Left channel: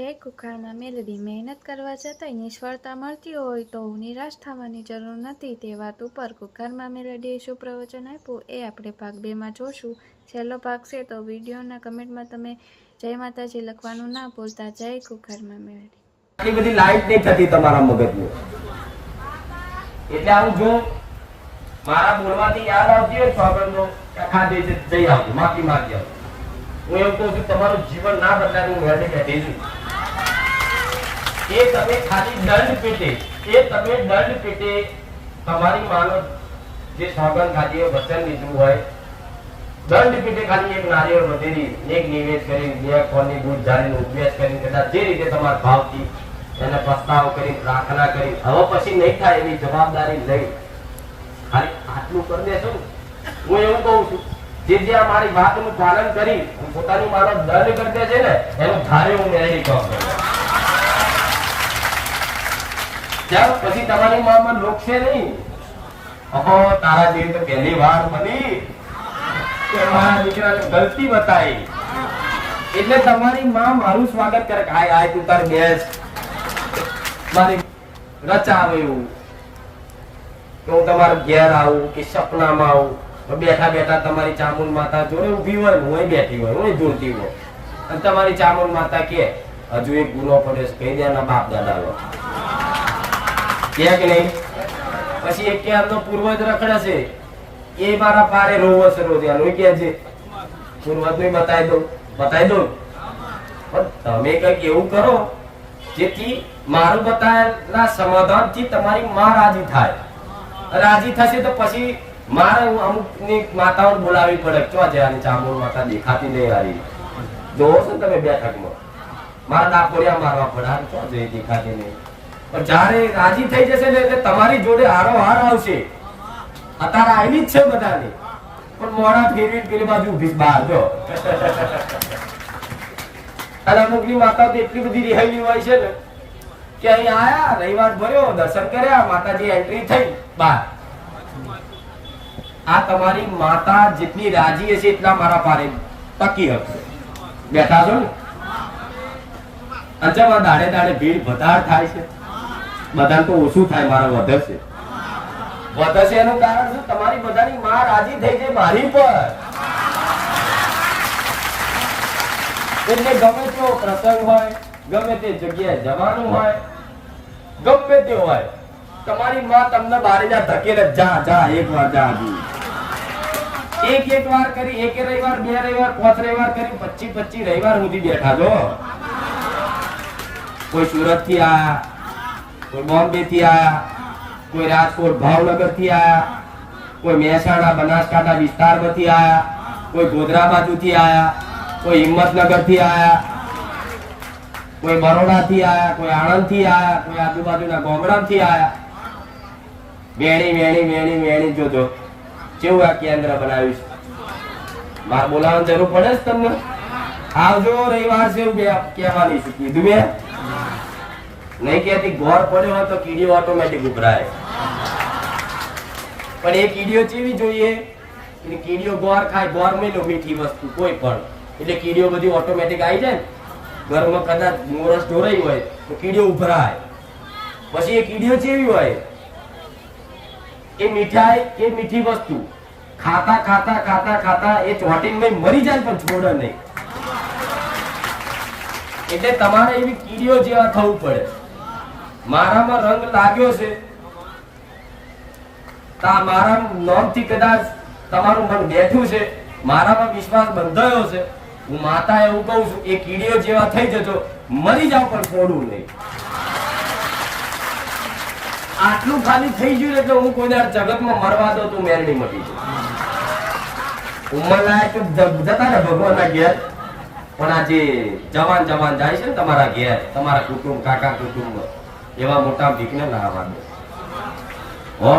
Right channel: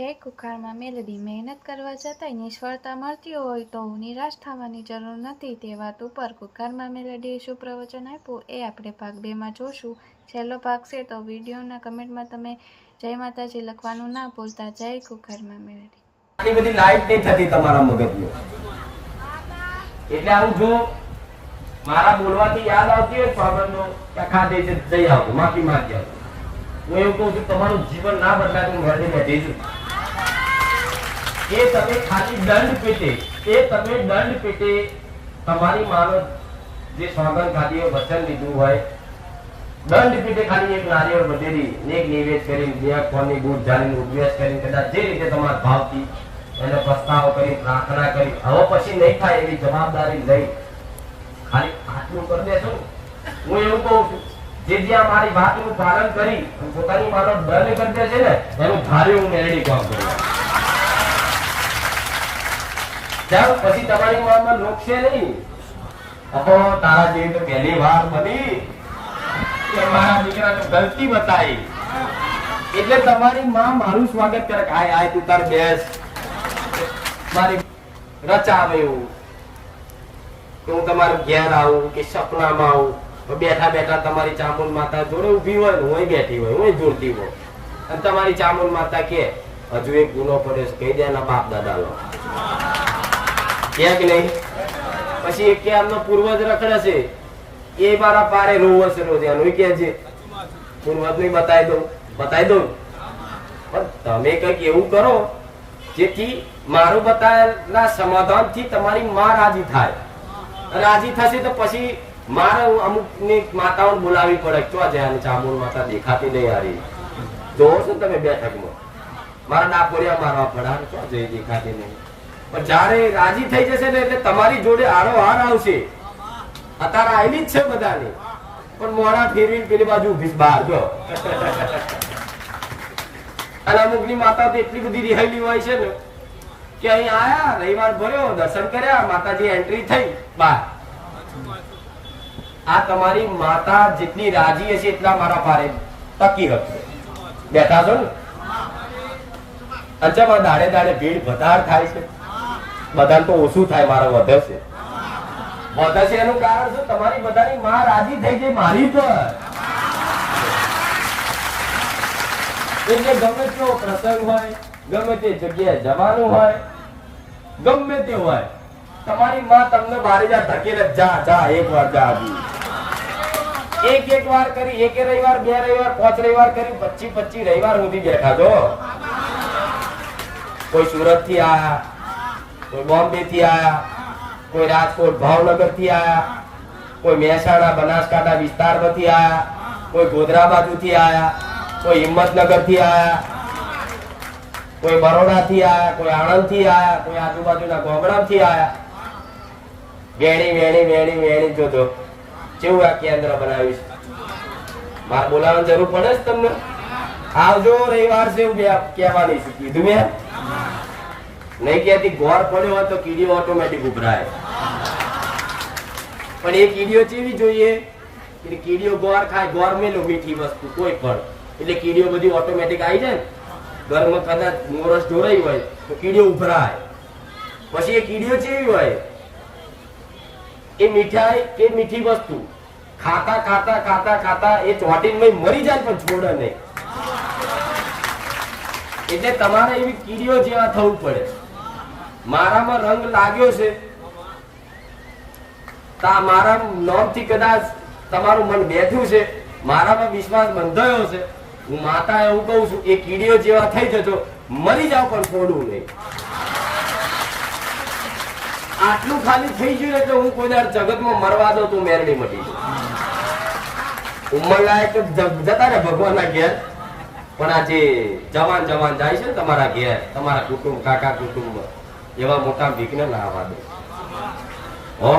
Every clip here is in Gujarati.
છે કુખારમાં મેલડી મહેનત કરવા છતાંય નિષ્ફળતા મળતી હોય તો નિરાશ થવાની જરૂર નથી તે વાત ઉપર કુખારમાં મેલડીએ શું પ્રવચન આપ્યું એ આપણે ભાગ 2માં જોશું. છેલ્લો ભાગ છે તો વિડીયોના કમેન્ટમાં તમે જય માતાજી લખવાનું ના ભૂલતા. જય કુખારમાં મેલડી. આટલી બધી લાઈટ નહીં થતી તમારા મગજમાં, એટલે આવું જો મારા બોલવાથી યાદ આવતી હોય સ્વાગતનો ખાધે છે જઈ આવું માફી માંગી આવું. હું એવું કહું છું તમારું જીવન ના બદલાય હું ઘરની બેઠી છું. એ તમે ખાલી દંડ પેટે તમારી માનો જે સોગંદ ખાધી હોય વચન લીધું હોય દંડ પેટે ખાલી એક નારિયેળ વધેરી એક નિવેદ કરી બે ફળની દૂધ ઢાળીને ઉપવેશ કરી કદાચ જે રીતે તમારા ભાવથી એને પ્રસ્તાવ કરી પ્રાર્થના કરી હવે પછી નહીં થાય એની જવાબદારી લઈ ખાલી આટલું કરી દેશો ને. હું એવું કહું છું જે આ મારી વાતનું પાલન કરી પોતાની માનો દંડ કરી દે છે ને એનું ધારી હું મેળવી કામ કરું જાઓ પછી તમારી મામાં રોકશે નહીં. અહો તારા જેવી તો પહેલી વાર બની કે મારા દીકરાને ગલતી બતાવી એટલે તમારી માં મારું સ્વાગત કરે આય આય તું તાર બેસ મારી રચાવે એવું તો હું તમારા ઘેર આવું કે સપનામાં આવું બેઠા બેઠા તમારી ચામુંડ માતા જોડે ઉભી હોય ને હું બેઠી હોય હું જોડતી હોય અને તમારી ચામુંડ માતા કે હજુ એક ગુનો પડે કહી દે એના બાપ દાદા લો કે નહીં. પછી એક કે આમનો પૂર્વજ રખડે છે એ મારા પારે રોવસ રોજ એનું કે છે પૂર્વજ ને બતાવી દઉં પણ તમે કઈક એવું કરો જેથી મારું બતાવેલા સમાધાનથી તમારી માં રાજી થાય. રાજી થશે તો પછી મારે અમુક ની માતાઓને બોલાવી પડે ચો જયાની ચામુંડ માતા દેખાતી નહીં આવી જોવો છો ને તમે બેઠકમાં મારા ડાકોરિયા મારવા પડે ચો જઈ દેખાતી નહીં. પણ જયારે રાજી થઈ જશે ને એટલે તમારી જોડે હારો હાર આવશે. અત્યારે આવેલી જ છે બધાની પણ મોડા ફેરવી પેલી બાજુ ઉભી બહાર જો અને અમુકની માતા તો એટલી બધી રિહાયેલી હોય છે ને કે અહીં આયા રવિવાર ભર્યો દર્શન કર્યા માતાજી એન્ટ્રી થઈ બહાર. આ તમારી માતા જેટલી રાજી હશે એટલા મારા પારે ટકી હશે. બેઠા છો ને અંચમાં દાડે દાડે ભીડ વધાર થાય છે બધાને તો ઓછું થાય મારા વધે છે એનું કારણ શું તમારી બધાની માં રાજી થઈ ગઈ મારી પર. એટલે ગમે તેવો પ્રસંગ હોય ગમે તે જગ્યાએ જવાનું હોય ગમે તે હોય તમારી માં તમને બારે જા ધકેલે જા એક વાર જા એક વાર કરી એક રવિવાર બે રવિવાર 5 રવિવાર કરી 25 રવિવાર સુધી બેઠા જો. કોઈ સુરત થી આયા કોઈ બોમ્બે થી આયા કોઈ રાજકોટ ભાવનગર થી આયા કોઈ મહેસાણા બનાસકાંઠા વિસ્તાર માંથી આયા કોઈ ગોધરા બાજુ થી આયા કોઈ હિંમતનગર થી આયા કોઈ બરોડા થી આયા કોઈ આણંદ થી આયા કોઈ આજુબાજુના ગામડા થી આયા. વેણી જોજો કેવું આ કેન્દ્ર બનાવ્યું છે. મારે બોલાવવાની જરૂર પડે છે તમને આવજો રવિવાર છે કહેવાની છે કીધું મેં નહીં કહેતી ગોળ પડ્યો હોય તો કીડીઓ ઓટોમેટિક ઉભરાય પણ એ કીડીઓ ચેવી જોઈએ કીડીઓ ગોળ ખાય ગોળ મેલો મીઠી વસ્તુ કોઈ પણ એટલે કીડીઓ બધી ઓટોમેટિક આવી જાય ને ઘરમાં કદાચ મોરસ ઢોરાઈ હોય તો કીડીઓ ઉભરાય. પછી એ કીડીઓ ચેવી હોય એ મીઠાઈ કે મીઠી વસ્તુ ખાતા એ ચોટીને મરી જાય પણ છોડે નહીં. એટલે તમારે એવી કીડીઓ જેવા થવું પડે. મારામાં રંગ લાગ્યો છે મારા નામથી કદાચ તમારું મન બેઠું છે મારામાં વિશ્વાસ બંધાયો છે હું માતા એવું કહું છું એ કીડીઓ જેવા થઈ જજો મરી જાવ પણ છોડું નહીં. આટલું ખાલી થઈ ગયું એટલે હું કોઈના જગતમાં મરવા દઉં તું મેરડી મટી ઉંમર લાયક જતા ને ભગવાનના ઘેર પણ આ જે જવાન જાય છે ને તમારા ઘેર તમારા કુટુંબ કાકા કુટુંબ એવા મોટા ભીખને ના આવવા દો હો.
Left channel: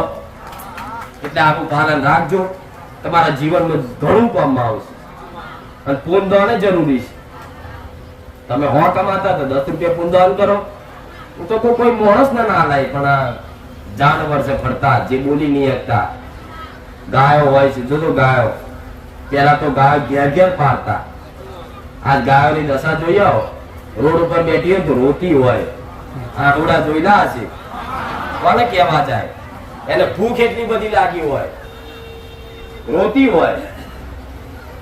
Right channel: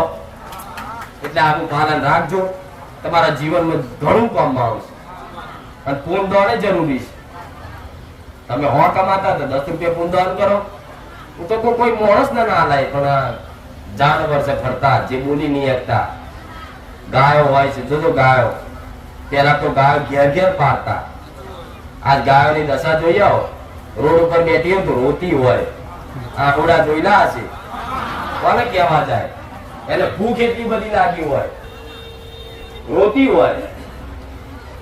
એટલે આનું પાલન રાખજો તમારા જીવનમાં ઘણું કામમાં આવશે અને પૂનદાન જરૂરી છે. તમે 100 કમાતા તો 10 રૂપિયા પૂનદાન કરો. હું તો કોઈ માણસ ના લાય પણ આ જાનવર છે ફરતા જે બોલી નહીં શકતા ગાયો હોય છે જોજો ગાયો પેલા તો ગાયો ઘેર પાડતા આજ ગાયોની દશા જોઈ આવો રોડ ઉપર બેઠી હોય તો રોતી હોય, આંખોડા જોઈલા હશે, કોને કહેવા જાય, એને ભૂખ એટલી બધી લાગી હોય, રોતી હોય,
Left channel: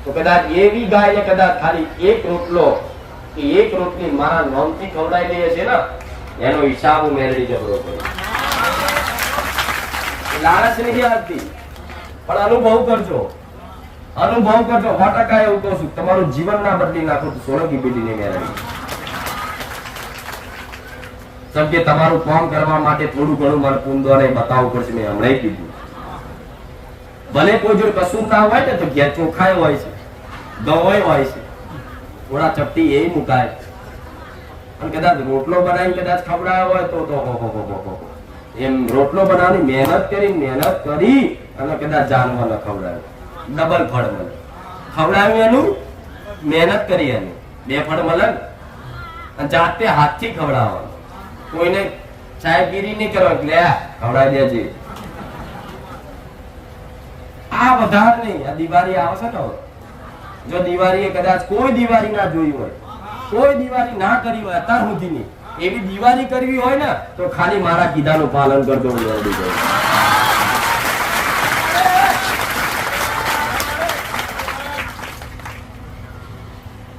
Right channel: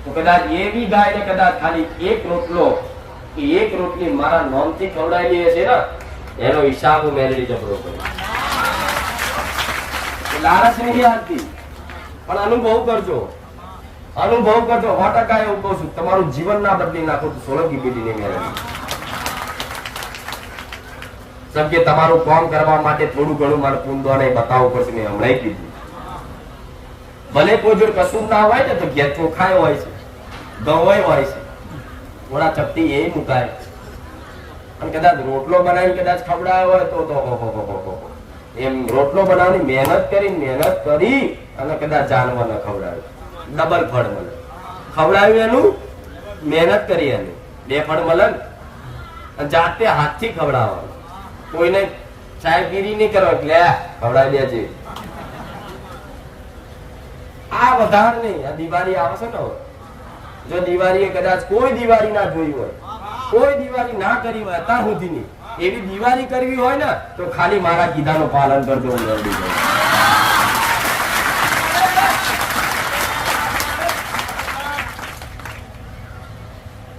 તો કદાચ એવી ગાય ને કદાચ ખાલી એક રોટલો કે એક રોટલી મારા નામથી ખવડાવી હશે ને, એનો હિસાબ મેળવી જબરો પડે. લાલચ નથી આવતી, પણ અનુભવ કરજો, અનુભવ કરજો. 100% એવું કહું છું, તમારું જીવન ના બદલી નાખો તો સોલંકી પેઢીને મેળવી. કેમ કે તમારું કામ કરવા માટે થોડું ઘણું મારે પૂંદવાને બતાવવું પડશે. મેં હમણાં કીધું, ભલે કોઈ જોડે કશું ના હોય ને તો ઘેર ચોખાય હોય છે, ગવાય હોય છે, થોડા ચપટી એ મુકાય, અને કદાચ રોટલો બનાવી કદાચ ખવડાવ્યો હોય તો એમ રોટલો બનાવવાની મહેનત કરી અને કદાચ જાનવરને ખવડાવે, ડબલ ફળ મળે. ખવડાવ્યું એનું, મહેનત કરી એની, 2 ફળ મળે. અને જાતે હાથથી ખવડાવવાનું, કોઈને ચાયગીરી નહીં કરો એટલે ખવડાવી દેજે. આ વધાર નહીં. આ દિવાળી આવે છે ને, જો દિવાળી કદાચ કોઈ દિવાળી ના જોઈ હોય, કોઈ દિવાળી ના કરી હોય અત્યાર સુધીની, એવી દિવાળી કરવી હોય ને તો ખાલી મારા કીધાનું પાલન કરજો.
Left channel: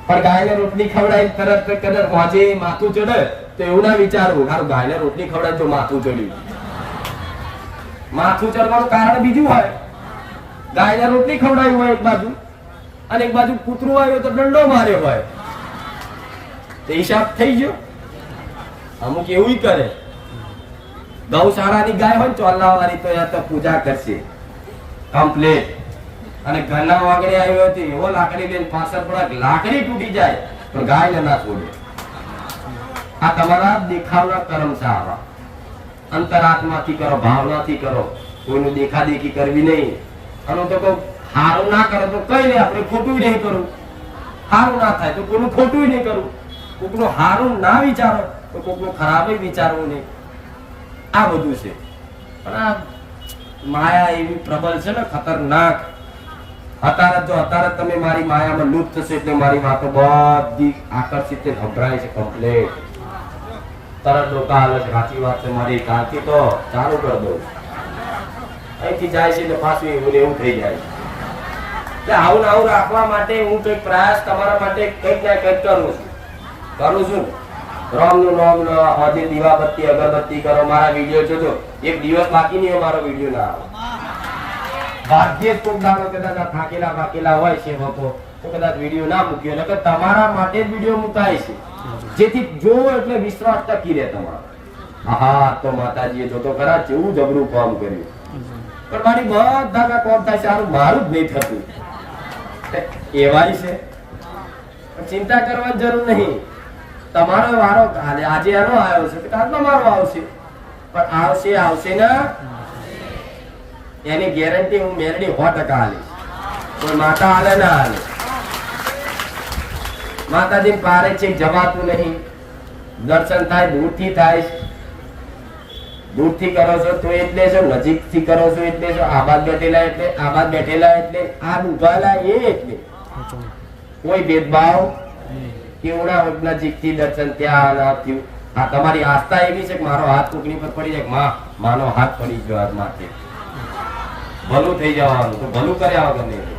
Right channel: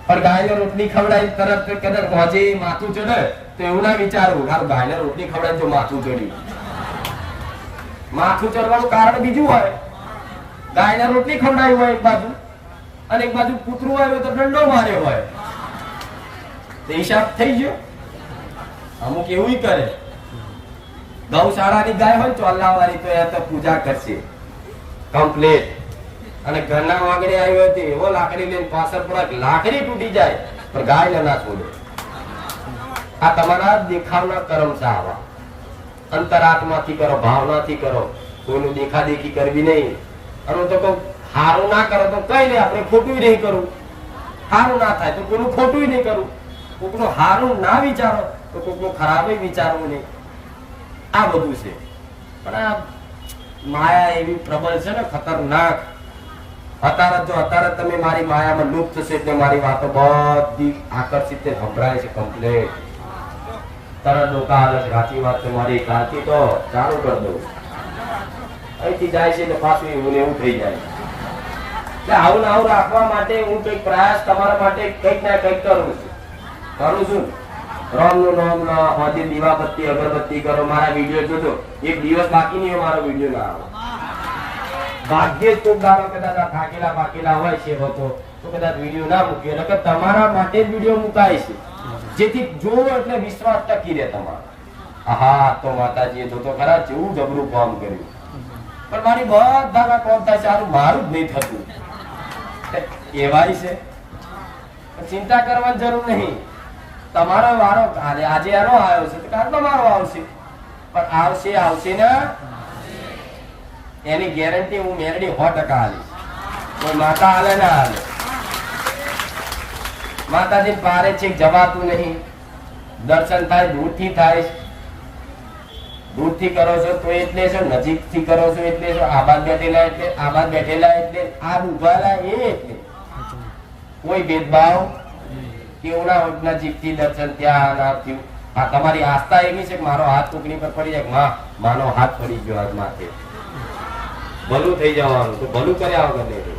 પણ ગાયને રોટલી ખવડાવી તરત કદાચ વાંચે માથું ચડે તો એવું ના વિચારવું હારું ગાયને રોટલી ખવડાવી તો માથું ચડ્યું. માથું ચડવાનું કારણ બીજું હોય. ગાયને રોટલી ખવડાવી હોય એક બાજુ, અને એક બાજુ કૂતરું આવ્યો તો દંડો માર્યો હોય, તો હિસાબ થઈ ગયો. અમુક એવું કરે, ગૌશાળાની ગાય હોય ચોલ્લા વાળી તો એ તો પૂજા કરશે કમ્પ્લેટ, અને ઘરના વાગડે આવ્યો હતો એવો લાકડી લઈને પાછળ પડે, લાકડી તૂટી જાય પણ ગાય ના છોડે. આ તમારા દેખાવના કર્મ છે. આવા અંતરાત્માથી કરો, ભાવનાથી કરો, કોઈનું દેખાદેખી કરવી નહીં. અને તો કહું સારું ના કરો તો કઈ નહીં, આપણે ખોટું નહીં કરવું. સારું ના થાય તો કોઈનું ખોટું નહીં કરવું. કોકનું સારું ના વિચારો તો કોકનું ખરાબ વિચારવું નહીં. આ બધું છે. પણ આ માયા એવી પ્રબળ છે ને, ખતરનાક. અત્યારે તમે મારી માયામાં લુપ્ત થશે એટલે મારી વાતો બધી આકર્ષિત સંભળાય છે કમ્પ્લેટ. તરત લોકો હાલે સાચી વાત છે મારી, કાલથી તો ચાલુ કરી દઉં. અહીંથી જાય છે એટલે પાછું એવું થઈ જાય. કે આવું આવું રાખવા માટે હું કઈક પ્રયાસ તમારા માટે કઈક ને કઈક કરું છું. રામ નું નામ હજી દીવાબત્તી અગરબત્તી કરો, મારા વિડીયો જોજો. એક દિવસ બાકી નહીં મારો વિડીયો ના આવે. ભાગ્યે જ કોક દાડો કદાચ થાકેલા હોય છે લોકો તો કદાચ વિડીયો ના મૂક્યો, નકર તમારા માટે જ વિડીયો મુકાય છે, જેથી જોવો એટલે વિશ્વાસ ટકી રહે તમારો. હા તો માતાજીએ જોતો ખરા જેવું જબરું કામ કર્યું. પણ મારી બધા કોમ થાય સારું, મારું જ નહીં થતું. એવાય છે, ચિંતા કરવાની જરૂર નહીં. તમારો વારો આજે આનો આવ્યો છે, કાલનો મારો આવશે. પણ આવશે ને એની ગેરંટી હું મેરડી 100% આલીશ. કોઈ માતા હાલે ના હાલે. માતાજી પારે છે જવાતું નહીં. દર્શન થાય દૂરથી થાય, દૂરથી કરો છો તો એટલે છો, નજીકથી કરો છો એટલે છો, આબાદ બેઠેલા એટલે આ ઉભાલા એ એટલે કોઈ ભેદભાવ કેવડા નજીકથી દર્શન ત્યાં ના થયું. આ તમારી આસ્થા એવી છે કે મારો હાથ ટુકડી પર પડી જાય, માનો હાથ પડી ગયો આજ માથે, ભલું થઈ જવાનું, તો ભલું કર્યા વગર નહીં.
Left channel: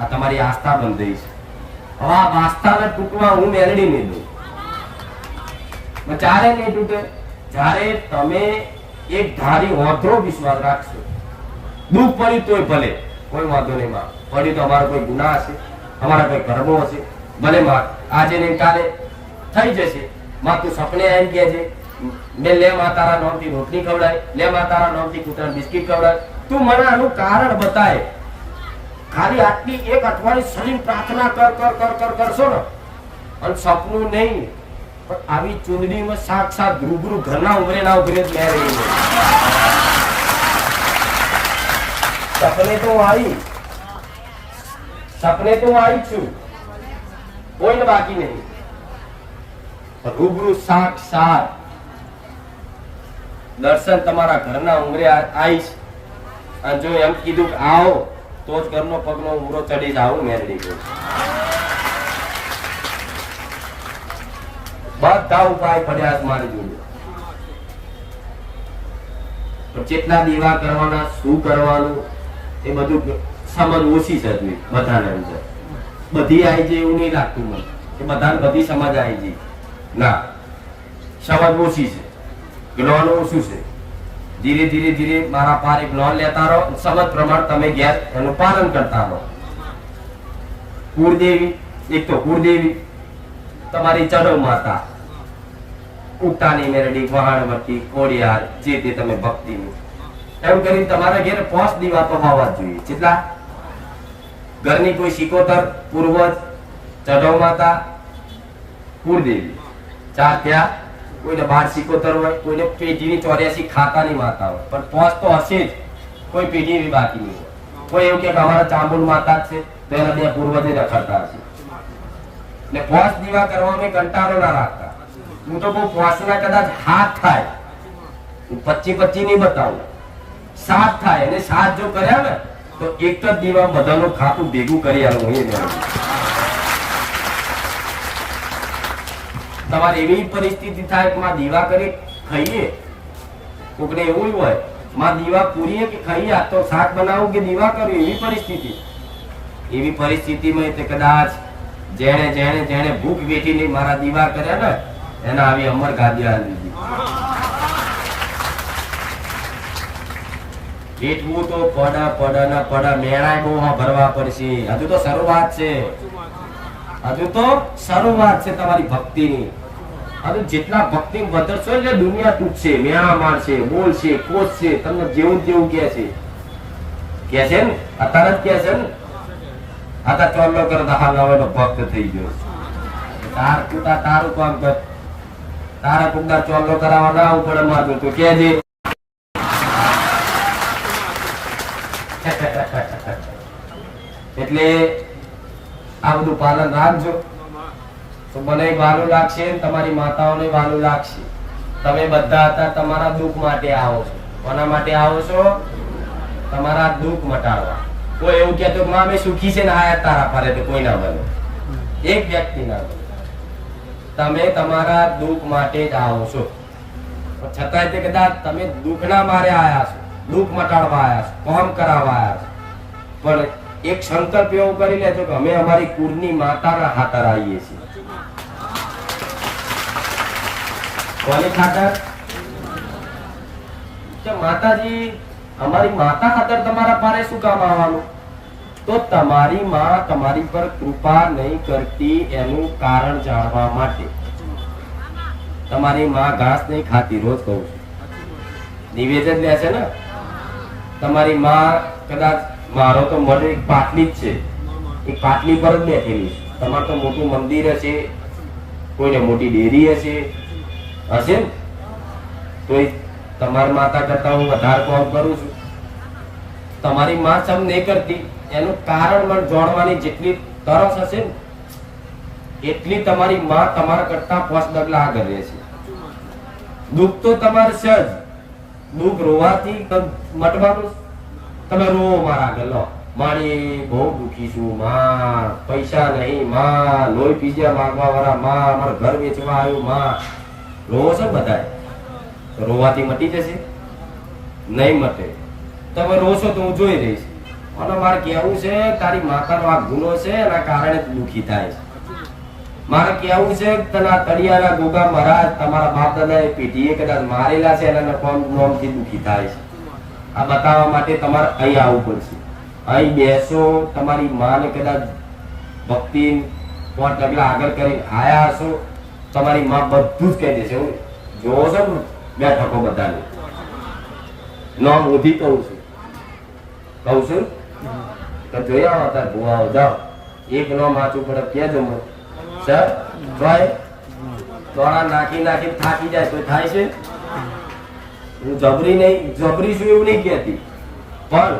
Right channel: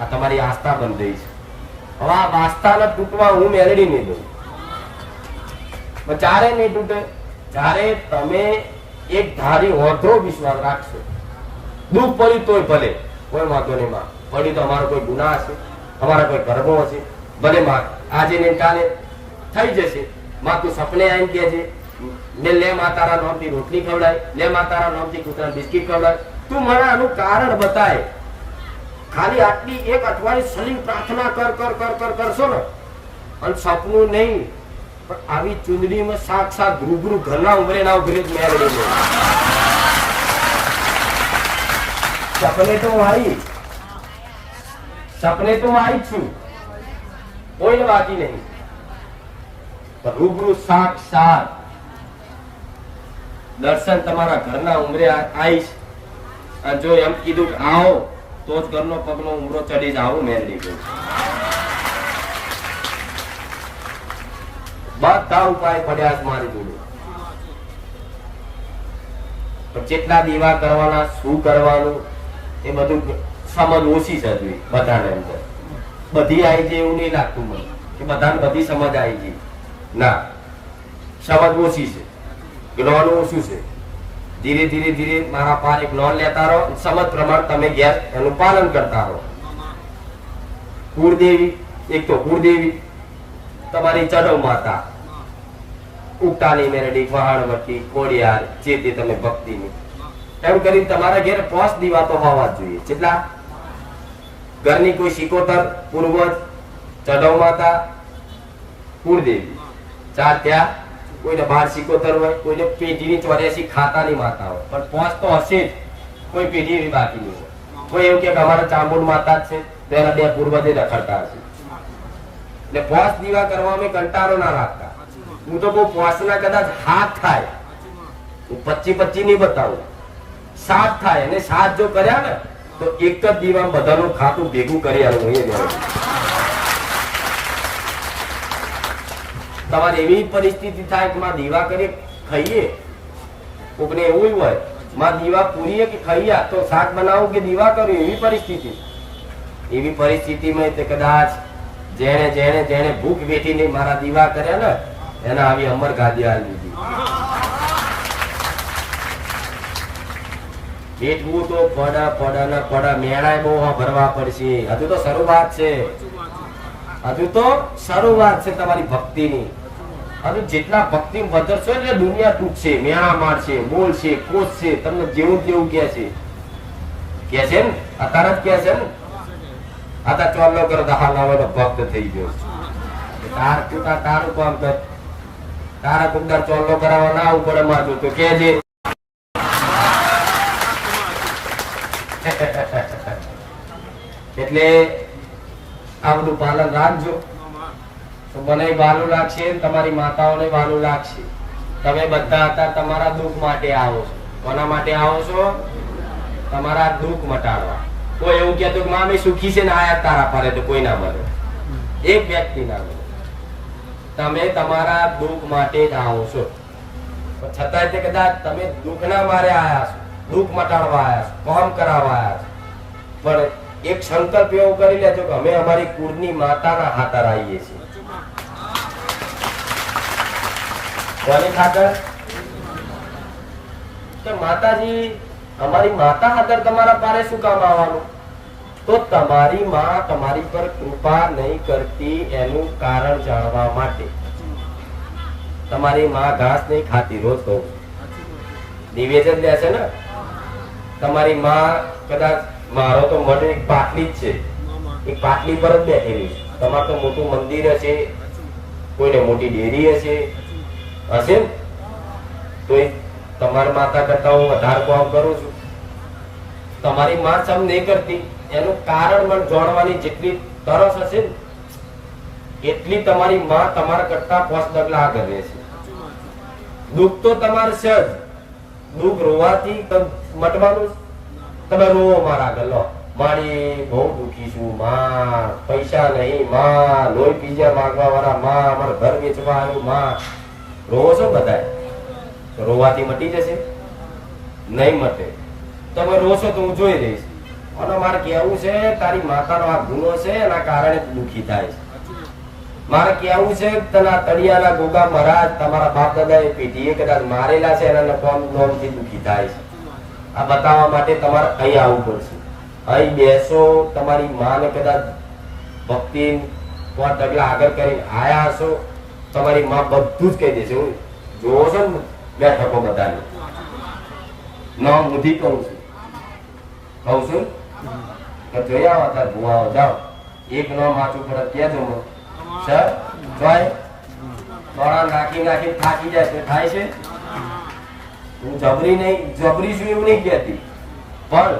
આ તમારી આસ્થા બંધ છે. હવે આ આસ્થાના તૂટવા હું મેળવી નહીં દઉં. ચારે નહીં તૂટે જ્યારે તમે એક ધારી વધો વિશ્વાસ રાખશો. દુઃખ પડ્યું તોય ભલે કોઈ વાંધો નહીં, માં પડ્યું તો અમારો કોઈ ગુના હશે, અમારા કોઈ કર્મો હશે, ભલે માં આજે નહીં કાલે થઈ જશે. માં તું સપને આવીને કે છે લે માં તારા નામથી રોટલી ખવડાય, લે માં તારા નામથી કૂતરા બિસ્કીટ ખવડાય. તું મને આનું કારણ બતાય. ખાલી આટલી એક અઠવાડિયું સલીમ પ્રાર્થના કરશો ને, અને સપનું નહીં પણ આવી ચૂંદડીમાં સાક્ષાત રૂબરૂ ઘરના ઉમરે ના ઉભરે જ મેં રહી. સપને તો આવી છું, કોઈ બાકી નહીં. રૂબરૂ સાક્ષાત દર્શન તમારા ઘરના ઉમરે આવીશ. અને જો એમ કીધું કે આવો તો જ ઘરનો પગનો ઉમરો ચડી જ આવો મેળવી ગયો. બધા ઉપાય પડ્યા છે મારી જોડે. પણ જેટલા દીવા કરવાના, શું કરવાનું, એ બધું સમજ ઓછી છે હજુ બધાને. અંદર બધી આવી જાય એવું નહીં લાગતું મને કે બધાને બધી સમજ આવી જાય. ના, સમજ ઓછી છે, જ્ઞાન ઓછું છે. ધીરે ધીરે ધીરે મારા પાર એક જ્ઞાન લેતા રહો, સમજ પ્રમાણે તમે ઘેર એનું પાલન કરતા રહો. કુળદેવી, એક તો કુળદેવી, તમારી ચડવ માતા, ઉગતાની મેરડી, વહાણવટી, કોડિયાર, જે તે તમે ભક્તિની, એમ કરીને તમારા ઘેર 5 દીવા તો હોવા જ જોઈએ. કેટલા? ઘરની કોઈ સિકોતર, પૂર્વજ, ચડવ માતા, કુળદેવી, 4 ત્યાં. કોઈને 12 સિકોતર હોય, કોઈને પેઢીની 84 ખાતાની માતા હોય, પણ 5 તો હશે જ. કોઈ પેઢી એવી બાકી નહીં હોય. કોઈ એવું કે અમારા ચામુંડ માતા જ છે તો એના 2 પૂર્વજે રખડતા હશે. એટલે 5 દીવા કરવામાં કંટાળો ના રાખતા. હું તો બહુ 5 ના કદાચ હાથ થાય, હું 25 નહીં બતાવું, 7 થાય. અને 7 જો કર્યા ને તો એક જ દીવા બધાનું ખાતું ભેગું કરી આવું. તમારે એવી પરિસ્થિતિ થાય કે માં દીવા કરી ખાઈએ, કોકને એવું હોય માં દીવા પૂરીએ કે ખાઈએ, તો શાક બનાવું કે દીવા કરું, એવી પરિસ્થિતિ. એવી પરિસ્થિતિમાં તે કદાચ જેણે જેણે જેણે ભૂખ વેઠીને મારા દીવા કર્યા ને એના આવી અમર ગાદી આવી દીધી. વેઠવું તો પડા મેળાય બહુ ભરવા પડશે. હજુ તો શરૂઆત છે, હજુ તો શરૂઆત છે તમારી ભક્તિની. અને જેટલા ભક્તિ વધરશો એટલે દુનિયા તૂટશે, મેળા મારશે, બોલશે, કોસશે, તમને જેવું જેવું કે છે ને, અત્યારે જ કે છે ને, આ ચોલ્લો કરતા હાલ હવે ભક્ત થઈ ગયો. તારું કામ કર, તારા કુકદાર ચોલ્લો કરાવવા ના આવું પડે મારતું તો કેજે. એટલે આ બધું પાલન રાખજો તો મને વાલું લાગશે, તમારી માતાઓને વાલું લાગશે. તમે બધા હતા તમારા દુઃખ માટે આવો છો. કોના માટે આવો છો? તમારા દુઃખ મટાડવા. કોઈ એવું કહેતું કે અમે સુખી છે ને આયા તારા પારે, તો કોઈ ના મળે, એક વ્યક્તિ ના મળે. તમે તમારા દુઃખ માટે જ આવો છો. પણ છતાંય તે કદાચ તમે દુઃખના મારે આયા છો, દુઃખ મટાડવા આયા છો, કામ કરાવવા આયા છો. પણ એક સંકલ્પ એવો કરી લેજો કે અમે અમારી કુળની માતાના ખાતર આવીએ છીએ. કોની ખાતર? કે માતાજી, અમારી માતા ખાતર તમારા પારે શું કામ આવવાનું? તો તમારી માં તમારી પર કૃપા નહીં કરતી એનું કારણ જાણવા માટે. તમારી માં ઘાસ નહીં ખાતી, રોજ કહું છું, નિવેદન લે છે ને. તમારી માં કદાચ, મારો તો મઢ એક પાટલી જ છે, એક પાટલી પર જ બેઠેલી છે. તમારે તો મોટું મંદિર હશે, કોઈને મોટી ડેરી હશે ને, તો એ તમારી માતા કરતા હું વધારે કામ કરું છું. તમારી માં સમ નહીં કરતી એનું કારણ મને જાણવાની જેટલી તરસ હશે ને, એટલી તમારી માં તમારા કરતા 5 ડગલા આગળ રહેશે. દુઃખ તો તમારે છે જ, દુઃખ રોવાથી મટવાનું. તમે રોવો મારા આગળ, લો મારી બહુ દુઃખી છું માં, પૈસા નહીં માં, લોહી પીઝા માંગવા વાળા માં, મારું ઘર વેચવા આવ્યું માં. રોવો છો બધા, રોવાથી મટી જશે? નહીં મટે. તમે રોશો તો હું જોઈ રહીશ. અને મારે કેવું છે, તારી માતાનો આ ગુનો છે, એના કારણે દુઃખી થાય છે. મારે કેવું છે, તના તળિયાના ગોગા મહારાજ તમારા બાપ દાદા એ પેઢીએ કદાચ મારેલા છે, એના નોમથી દુઃખી થાય છે. આ બતાવવા માટે તમારે અહીં આવવું પડશે. અહીં બેસો, તમારી માને કદાચ ભક્તિ 5 ડગલા આગળ કરીને આયા હશો, તમારી માં બધું જ કહી દેશે. જોવો છો ને બેઠકો બધાને, નામ ઉધી કહું છું કે જોઈ આવો તાર ભુવાઓ, જાઓ એક નામ વાંચું પડે કેજો મને સર. જોય દોડા નાખી થાકી જાય તો થાય છે. હું જબરી છું એવું નહીં કહેતી, પણ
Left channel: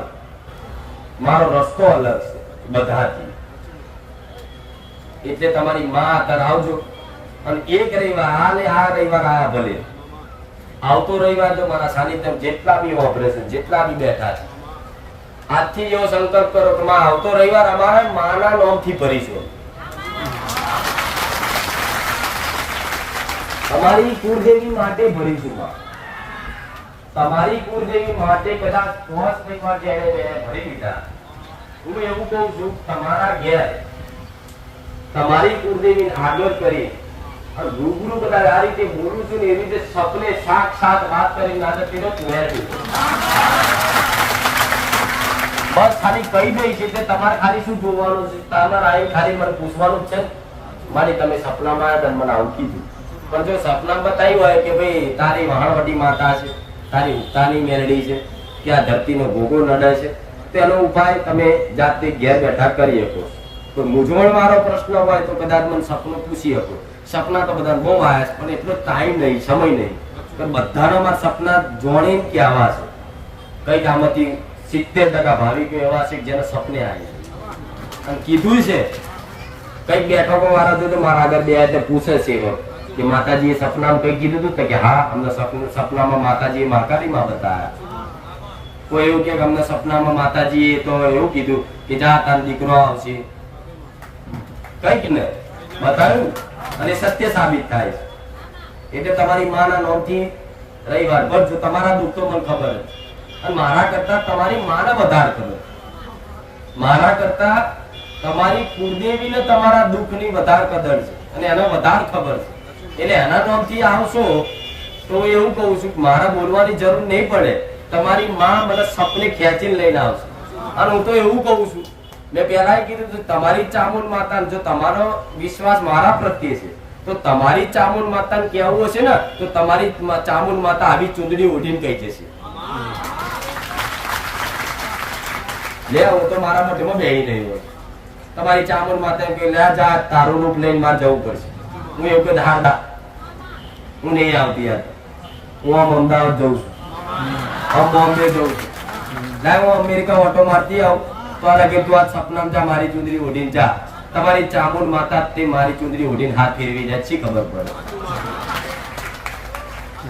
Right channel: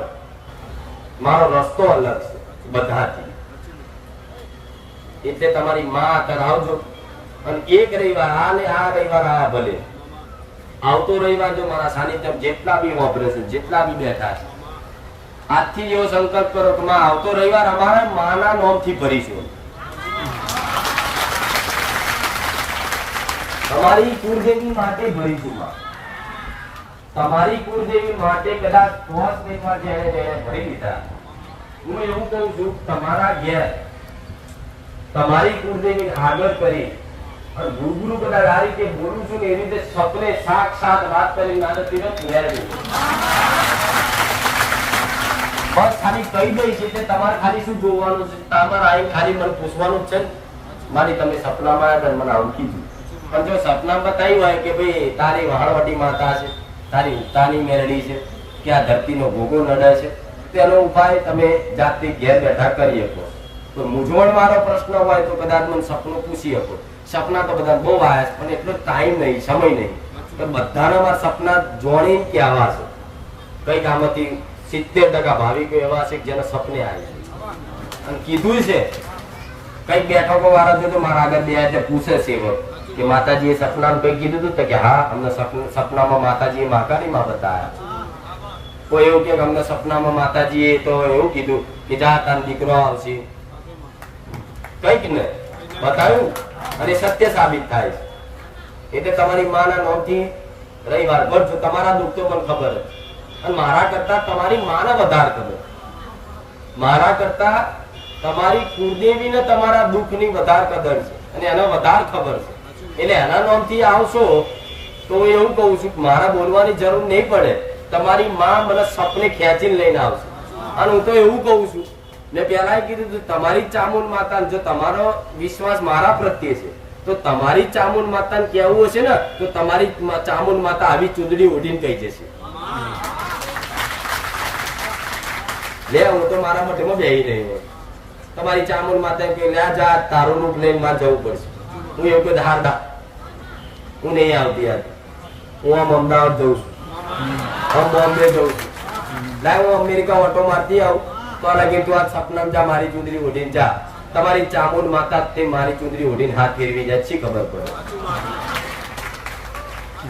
મારો રસ્તો અલગ છે બધાથી. એટલે તમારી માં અત્યારે આવજો. અને એક રવિવાર આ રવિવાર આયા, ભલે આવતો રવિવાર જો મારા સાનિધ્ય જેટલા બી ઓપરેશન, જેટલા બી બેઠા છે, આજથી એવો સંકલ્પ કરો કે માં આવતો રવિવાર અમારા માના નામથી ભરીશું. તમારી કુળદેવી માટે ભરીશું માં. તમારી કુળદેવી માટે કદાચ 10 એકવાર જેને ભરી લીધા. હું એવું કહું છું, તમારા ઘેર તમારી કુળદેવી આગળ કરી અને રૂબરૂ કદાચ આ રીતે બોલું છું ને એ રીતે સપને સાક્ષાત વાત કરી નાખતી બસ ખાલી કહી દઈ છે એટલે તમારે ખાલી શું જોવાનું છે? તમારે આવી ખાલી મને પૂછવાનું જ છે, મારી તમે સપનામાં આવ્યા મને આવું કીધું. પણ જો સપના બતાવ્યું હોય કે ભાઈ તારી વહાણવટી માતા છે, તારી ઉતાની મેલડી છે, કે આ ધરતીનો ભોગો નડે છે, તો એનો ઉપાય તમે જાતે ઘેર બેઠા કરી શકો. કોઈ મૂંઝવણ વાળો પ્રશ્ન હોય તો કદાચ મને સપનું પૂછી શકો. સપના તો બધા બહુ આવ્યા છે પણ એટલો ટાઈમ નહીં, સમય નહીં. બધાના મારા સપના જોણી કે આવા છે. કઈક આમાંથી 70% ભાવિકો એવા છે જેને સપને આવે અને કીધું છે. કઈક બેઠકો વાળા તો મારા આગળ બે પૂછે છે કે માતાજીએ સપનામાં કઈ કીધું હતું કે હા અમને સપનામાં માતાજીએ મહાકાળીમાં બતાવ્યા. કોઈ એવું કે અમને સપનામાં માતાજીએ તો એવું કીધું કે જા તારો દીકરો આવશે, કઈક ને બતાવ્યું અને સત્ય સાબિત થાય. એટલે તમારી માના નોંધથી રવિવાર પર જો તમારા દુઃખ તો મને ખબર અને મારા કરતા તમારી માને વધારે ખબર. મારા કરતા તમારી કુળદેવીને તમારા દુઃખની વધારે કદર છે અને એનો વધારે ખબર છે. એટલે એના નામથી આવશો તો એવું કહું છું કે મારા બોલવાની જરૂર નહીં પડે. તમારી માં મને સપને ખેંચીને લઈને આવશે. અને હું તો એવું કહું છું, મેં પહેલા કીધું તમારી ચામુંડ માતા, જો તમારો વિશ્વાસ મારા પ્રત્યે છે તો તમારી ચામુંડ માતાને કહેવું હશે ને તો તમારી ચામુંડ માતા આવી ચૂંદડી ઓઢીને કહી જશે, લે હું તો મારા મઠમાં બેહી રહ્યો હોય. તમારી ચામુંડ માતા કે લે જા તારું રૂપ લઈને મારે જવું પડશે. હું એવું કે હારદા હું નહીં આવતી યાર, હું આમ અમદાવાદ જઉં છું, આમ બોમ્બે જઉં છું, લાય હું અમેરિકા ઓટો મારતી આવું તો લાગે તું આ સપનામાં જા મારી ચૂંદડી ઓઢીને જા. તમારી ચામુંડ માતા તે મારી ચૂંદડી ઓઢીને હાથ ફેરવી જાય છે, ખબર પડે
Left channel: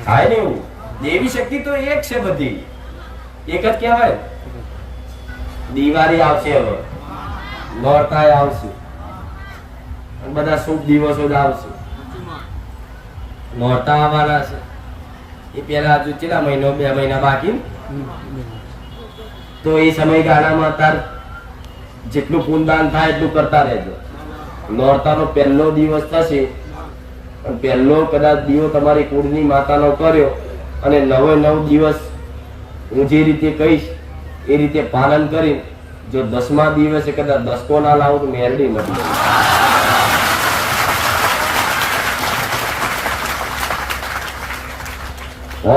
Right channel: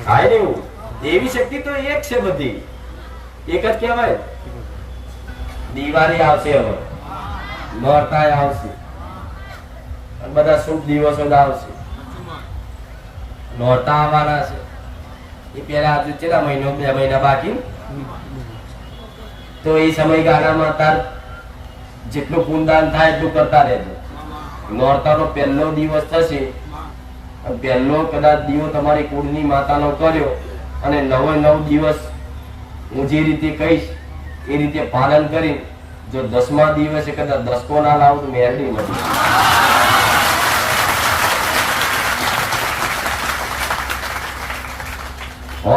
થાય ને એવું. દેવી શક્તિ તો એક છે, બધી એક જ કહેવાય. દિવાળી આવશે, હવે નોરતા આવશે, બધા શુભ દિવસો જ આવશે. નોરતા આવવાના છે એ પેલા હજુ કેટલા મહિનો 2 મહિના બાકી, તો એ સમયગાળામાં તાર જેટલું પુનદાન થાય એટલું કરતા રહેજો. નોરતાનો પહેલો દિવસ થશે, પહેલો કદાચ દીવો તમારી કુળની માતાનો કર્યો અને 9 દિવસ હું જે રીતે કહીશ એ રીતે પાલન કરી, જો 10મા દિવસે કદાચ દસકો ના લાવું તો મેરડી મળી.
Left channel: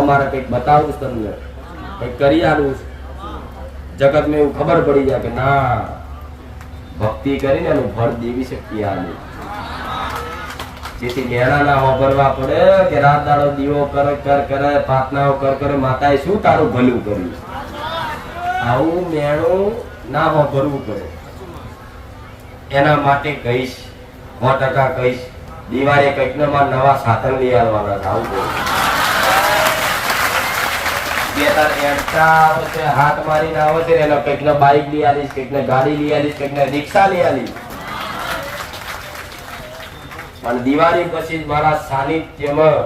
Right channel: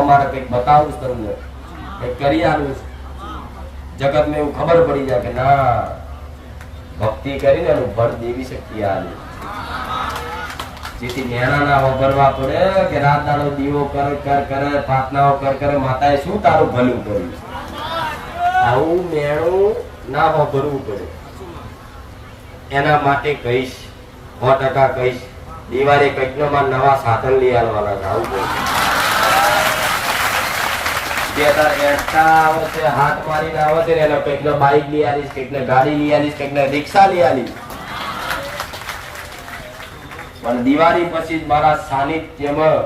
મારે કઈક બતાવું તમને, કઈક કરી આલું જગત ને એવું ખબર પડી જાય કે ના ભક્તિ કરીને એનું ફળ દેવી શક્તિ આલે. જેથી ગેણા ના વાપરવા પડે કે રાત દાડો દીવો કરે પ્રાર્થનાઓ કરે માતાએ શું તારું ભલું કર્યું. આવું મેણું ના વાપરવું પડે. એના માટે કહીશ 100% કહીશ, દિવાળી કઈક નવા સાધન લઈ આવવાના છે. આવું બોલ હાથ મારીને આવે છે એના કઈક બાઈક લઈ આવીશ, કઈક ગાડી લઈ આવીશ, કઈક રિક્ષા લઈ આવીશ. અને દિવાળી પછી મારા સાનિધ્યમાં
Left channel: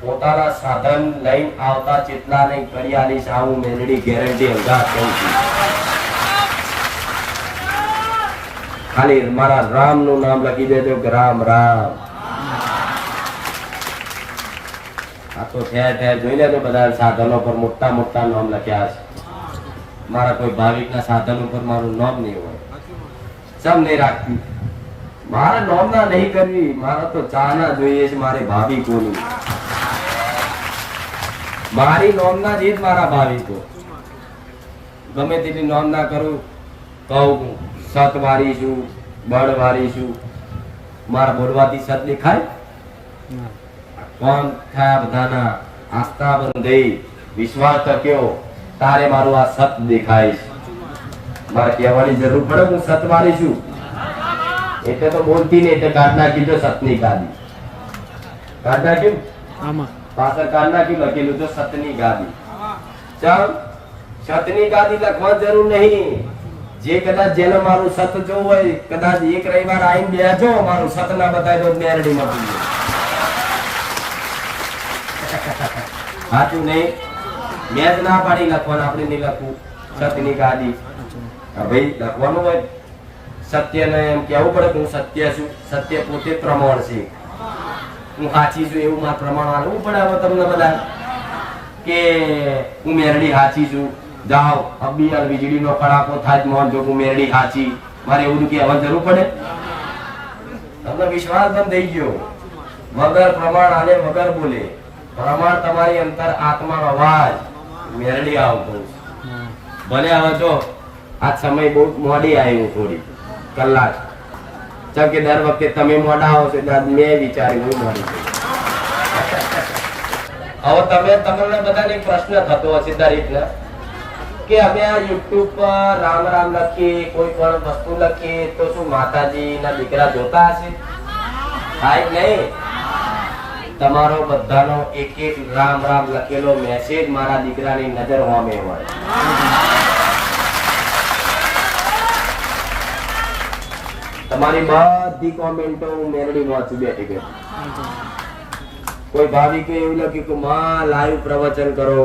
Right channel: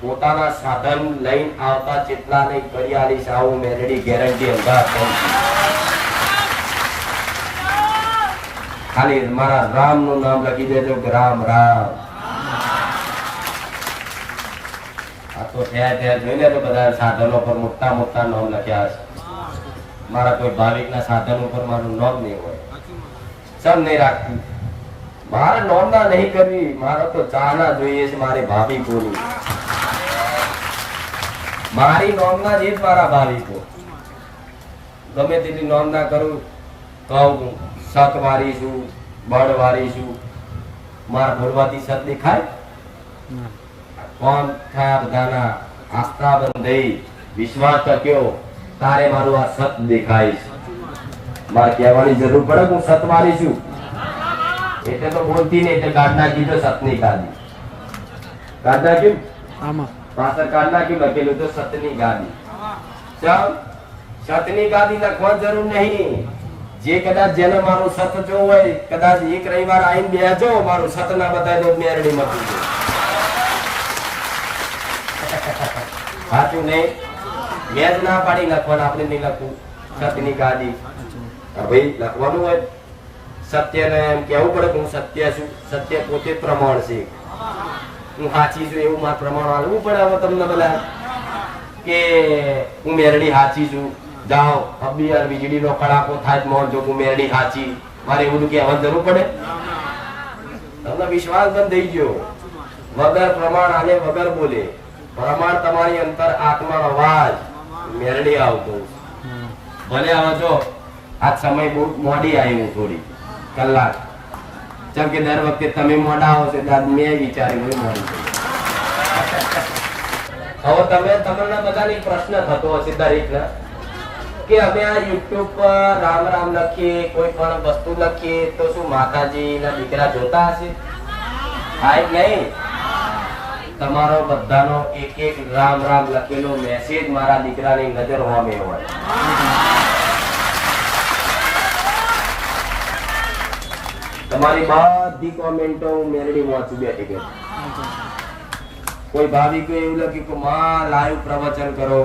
પોતાના સાધન લઈને આવતા જેટલા ને કરી આવીશ. આવું મેલડી ગેરંટી અંગા ખાલી મારા રામ નું નામ લખી દેજો કે રામ રામ. આ તો ઠેર ઠેર જોઈને તો બધા સાધનો પર મોટા મોટા નામ લખ્યા છે. મારા કોઈ ભાવિક ના સાધન ઉપર મારું નામ નહીં હોય, સમ નહીં રાખતી. મારા નોમના નહીં કરવી, મારા તો ચાના જોઈએ છે. મારી ભાવિકોની મારી નોમના જ મારા ભાવિકો. ગમે તેટલી નોમ ના કરું, કહું સત વાળી છું, બળ વાળી છું, મારા બોલવાથી સત દેખાય. કોણ થયા બધાના આસ્થા બંધાઈ વિશ્વાસ ટક્યો તારે મારું આ સત દેખાય છે. મારે કહેવાની જરૂર પડે હું સત વાળી છું એટલે તો બોલતી નહીં. એટલે કાઢ નાખી તો સતની ગાદી કાઢ નાખ્યું, આમાં પાછળ કાઢ નાખ્યું, લખેલું તો સતની ગાદી. ચાલ સતની ગાદી લખવા જરૂર નહીં. જે કદાચ જેને મારું સત જોવું હોય કદાચ એક રવિવાર આવીને બેજો, મારું સત ના બતાવી દો મેરડી મળતી જાય. સાચું નહીં? મેં જ ના પાડી લખવાનું, આપણે નહીં લખવું. સતની ગાદી ભાઈ લખવાનું હોય. સત્યને એમ કેવું પડે કે હું સત્ય છું. સત્ય પોતે પ્રમાણ છે. હું સાચી છું એવું મારે પ્રમાણ વાળવું પડે. હવે તમને બધા કે હું મેરડી સાચી છું, જાઓ અબી યાર વીજળીનો કડાકો થાય મોન જો હું મેરડી સાચી, મારે એવું કહેવા જરૂર પડે? તમને વિશ્વાસ બંધ થઈ ગયો. વગર પ્રમાણ આલે વગર બોલે. પ્રમાણ તમારી અંતર આત્માનો અવાજ મેરડી આવતો. ભલે હવે જો આ સમય બહુ મોડી આવ્યું, થોડી કલાક, જેમ કે દર વખતે તમે મોડા આવો છો એટલે મેં વિચાર્યું હું મોડી થઈ. હવે તમને બધાને પ્રશ્ન થતો હશે દરેકને કે અમે આ યુટ્યુબ પર રામ રામ લખીએ, કોઈ પણ વસ્તુ લખીએ તો શું માતાજી ના દીકરા જોતા હશે? થાય નહીં. તમારો બધાનો એક એક રામ રામ લખેલો મેસેજ મારા દીકરાની નજર હોમે હોય. તમારી બધી કોમેન્ટો હું મેરડી વાંચું બેઠી બેઠી. કોઈ ભાવિકે એવું લખ્યું કે માં લાઈવ પ્રવચન કરો,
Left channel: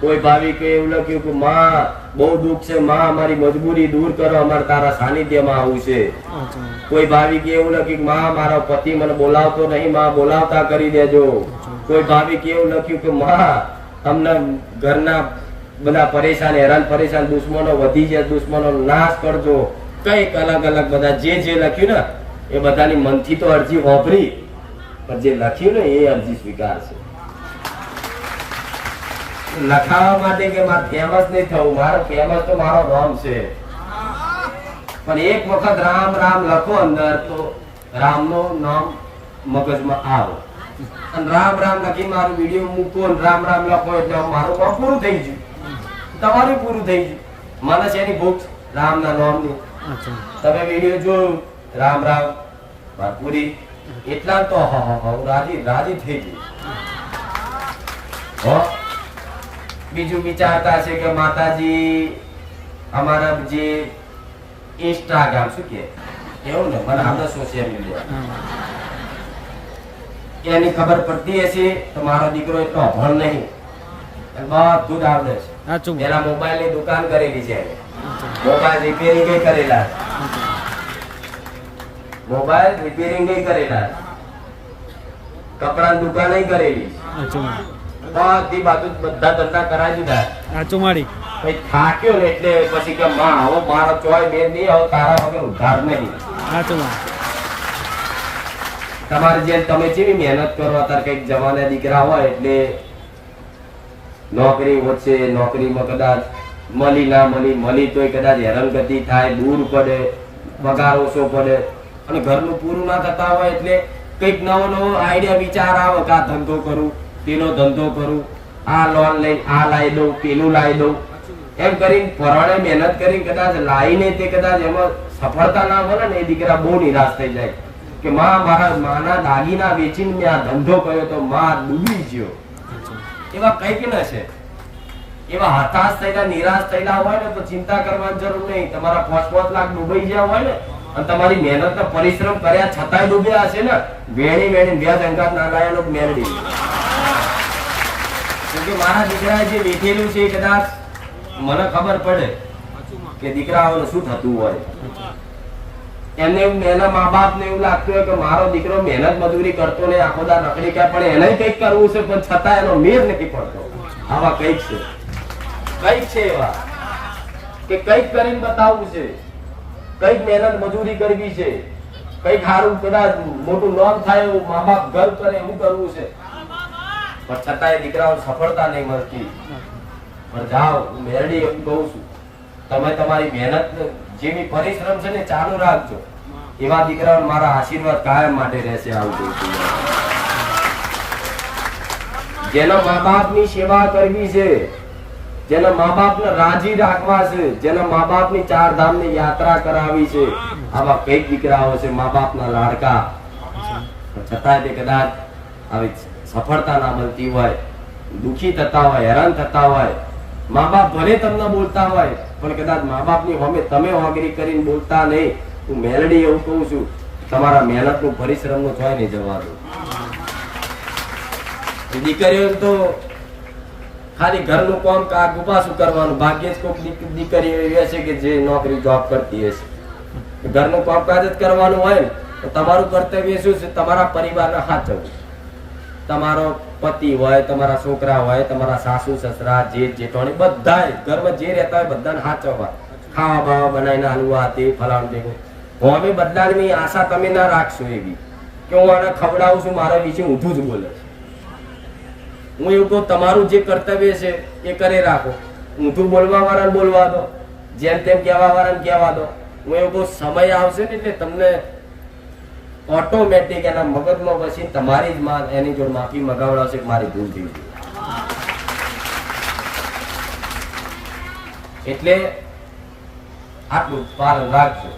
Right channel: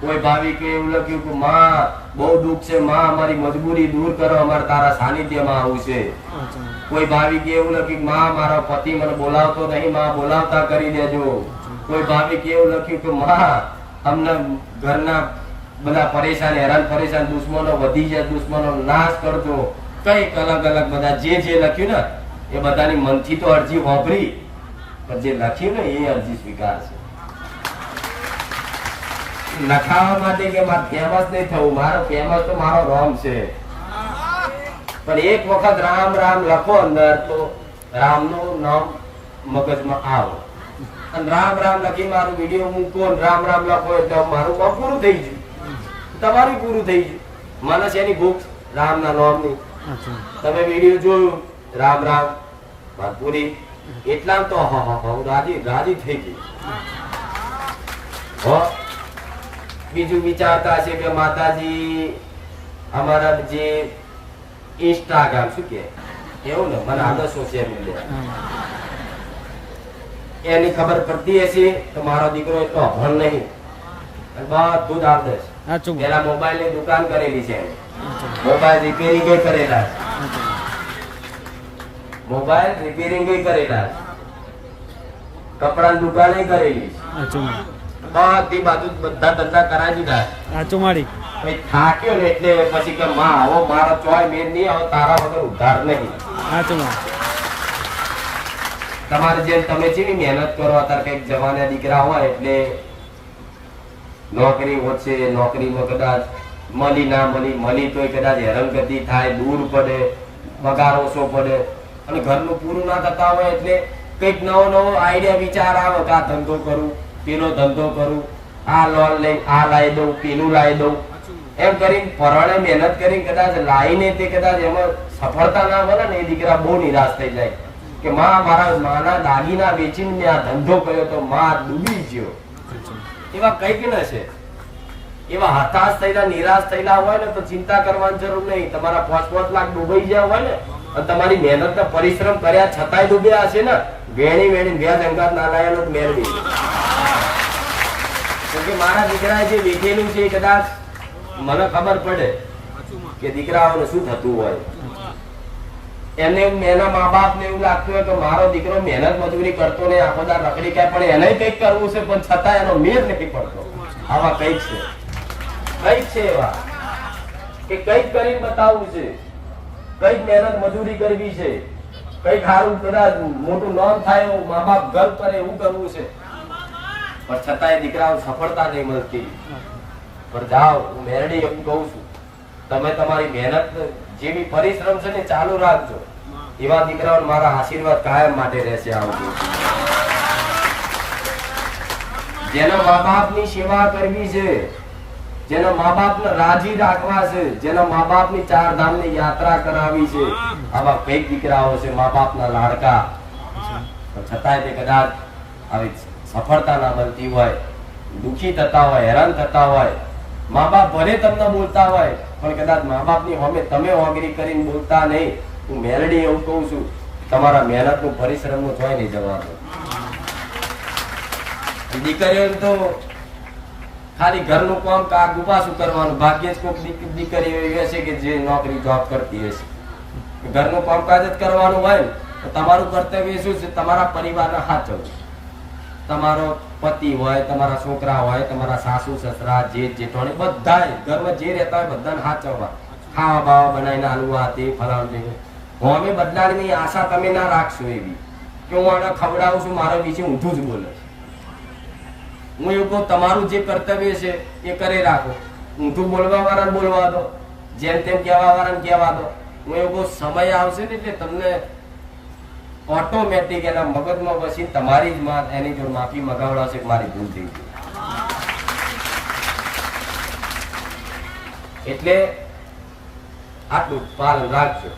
કોઈ ભાવિકે એવું લખ્યું કે માં બહુ દુઃખ છે, માં અમારી મજબૂરી દૂર કરો, અમારે તારા સાનિધ્યમાં આવું છે. કોઈ ભાવિકે એવું લખ્યું કે માં મારો પતિ મને બોલાવતો નહીં, માં બોલાવતા કરી દેજો. કોઈ ભાવિકે એવું લખ્યું કે માં અમને ઘરના બધા પરેશાન હેરાન પરેશાન દુશ્મનો વધી જાય, દુશ્મનો નાશ કરજો. કઈક અલગ અલગ બધા જે લખ્યું ને એ બધાની મનથી તો અરજી વાપરી, પણ જે લખ્યું ને એ અરજી સ્વીકાર છે. લખાવા માટે કે મારે ફેમસ નહીં થવું, મારો ફેમસ તો મારો રામ છે. પણ એક વખત રામ રામ લખો અંદર તો રામનું નામ મગજમાં આવે. અને રામ રામ લખી મારું વિડીયો મૂકો, રામ રામ લખો એટલે મારું કામ પૂરું થઈ ગયું, તમારું પૂરું થઈ ગયું. મને છે એની ભૂખ રામ ના નામની. તમે વિડીયો જોયું રામ રામ પૂરી, એટલા તો રાજી થઈ ગઈ. બીજું વિચારતા છે કે માતાજી અમારા જે ઇન્સ્ટાગ્રામ શું કે એવું ને મને આપણે સોશિયલ મીડિયા એની ખબર પડતી હશે તો મારો દીકરો એટલો અભણ નહીં, બધું જ આવડે છે. પેલા મોબાઈલ ની દુકાન કરેલી છે, મોબાઈલ રિપેરિંગ કરેલા, મોબાઈલ રિપેરિંગ કરેલા, કપડા દુકાન કરેલી, બધી બાજુ બધા ધંધા કરાવી દીધા. થાક્યો ને એટલે પછી કે માં આવો મારો ચોય બેન નહીં, આવો તારા વગર ઉધાર નહીં. તમારે જેમ તમે જેવી મહેનત કરો, અત્યારે કઈક જવાના દીકરા હોય એટલે નોકરી વચ્ચે નોકરીમાં કદાચ મળી ના મળી તોય કદાચ હેરાનગતિ થાય, દૂર પડે, પગાર ઓછો પડે અને ઘરનું પૂરું ના થતા હોય એટલે કઈક નવો આઈડિયા વિચાર આવે કે આ ધંધો કરું, પેલો ધંધો કરું, આ લોન લઈને આ લાવી દઉં, પેલું લાવી દઉં, એમ કરીને પરવાળે મહેનત કરીને કદાચ લાવીને તે કદાચ એમાં સફળતા ના મળે ને એ દીકરા બહુ નિરાશ થઈ જાય કે માં મારા માના દાગીના વેચીને મેં આ ધંધો કર્યો તો માં ડૂબી ગયો. એવા કઈક ન છે. એવા હતાશ થયેલા નિરાશ થયેલા હોય ને તો ચિંતા કરવાની જરૂર નહીં. તમારા 5-5 લાખ ડૂબાઈ ગયા હોય ને અને તમારી મહેનત પરિશ્રમ કર્યા છતાંય ડૂબ્યા હશે ને, વેણી વ્યાજ અંગાત ના લાયેલો મેળવી. કેમકે મારા દીકરાએ જે વેઠેલું છે કદાચ મને ખબર પડે કે દીકરાઓને શું થતું હોય. એમને એના મા બાપ ને એવું લાગતું હોય કે મારો દીકરો મહેનત મજૂરી કરતો ને આખો દા રખડી ક્યાં પડે, એને કઈક કરવું છે પણ છતાં એનો મેર નથી પડતો. આવા કઈક છે એવા કે કઈક કરીને બતાવવું છે, કઈક મહેનત મજૂરી કરવી છે, કઈક સારું કદાચ મોટું નામ થાય એવું મા બાપ ગર્વ કરે એવું કરવું છે, પણ છતાંય દીકરાઓ સફળતા નહીં મળતી. પણ જાઓ, મેરડી એવું કહું છું, તમે તમારી મહેનત જેવી પરિશ્રમ છે ને ચાલુ રાખજો. એવા દીકરાઓ મારા આશીર્વાદ કાયમ માટે રહેશે. આવું જેના મા બાપ ની સેવા કરવી છે, જેના મા બાપ ને રાજી રાખવા છે, જેના મા બાપ ની 4 ધામ ની યાત્રા કરાવી છે, આવા કઈ દીકરાઓ છે મા બાપ ના લાડકા, છતાંય તે કદાચ આવી સફળતા ના મળતી હોય, દુખી થતા હોય, હેરાન થતા હોય. મા બાપ ભલે તમને બોલતા હોય પણ કદાચ મા બાપ ની સામે તમે ઓગરી કરીને બોલતા નહીં. હું મેલડી એવું કહું છું, તમારા મહેનત નું પરિશ્રમ નું જોઈ નહીં જવાનું. દીકરીઓ તો ખાલી ઘરનું કામ કાગુ પાછું કરવાનું. ભાગ્યે જ કોઈક દીકરી એવી હશે કે જે નોકરી જોબ કરતી હશે. ઘરનું કામકાજ જ કરવાનું હોય તો તમારું કર્તવ્ય શું છે? તમારા પરિવારને સાચવવું. તમારો પતિ હોય, તમારા છોકરા હોય, તમારા સાસુ સસરા, જેઠ જેઠાણી બધાય ઘરમાં જે રહેતા હોય બધાને સાચવવા. ખાવા બાવા બનાવીને આલવા તે ફલાણું અમે બદલાની આશા તમે ના રાખશો એવી કે હું આને ખવડાવું છું, મારા વિશે ઊંધું જ બોલે છે. હું એવું કહું, તમારું જે કર્તવ્ય છે એ કરી રાખો. ઊંધું બોલવા વાળાને બોલવા દો, જેમ તેમ કહેવા વાળાને કહેવા દો. હું એવું કહું, સમય આવશે ને એટલે તમને ઓટોમેટિક એના મગજમાં પછી તમારી જ માં એની જોડે માફી મગાવડાવશે કે મારી ભૂલ થઈ ગઈ. એટલે આટલું પાલન રાખજો.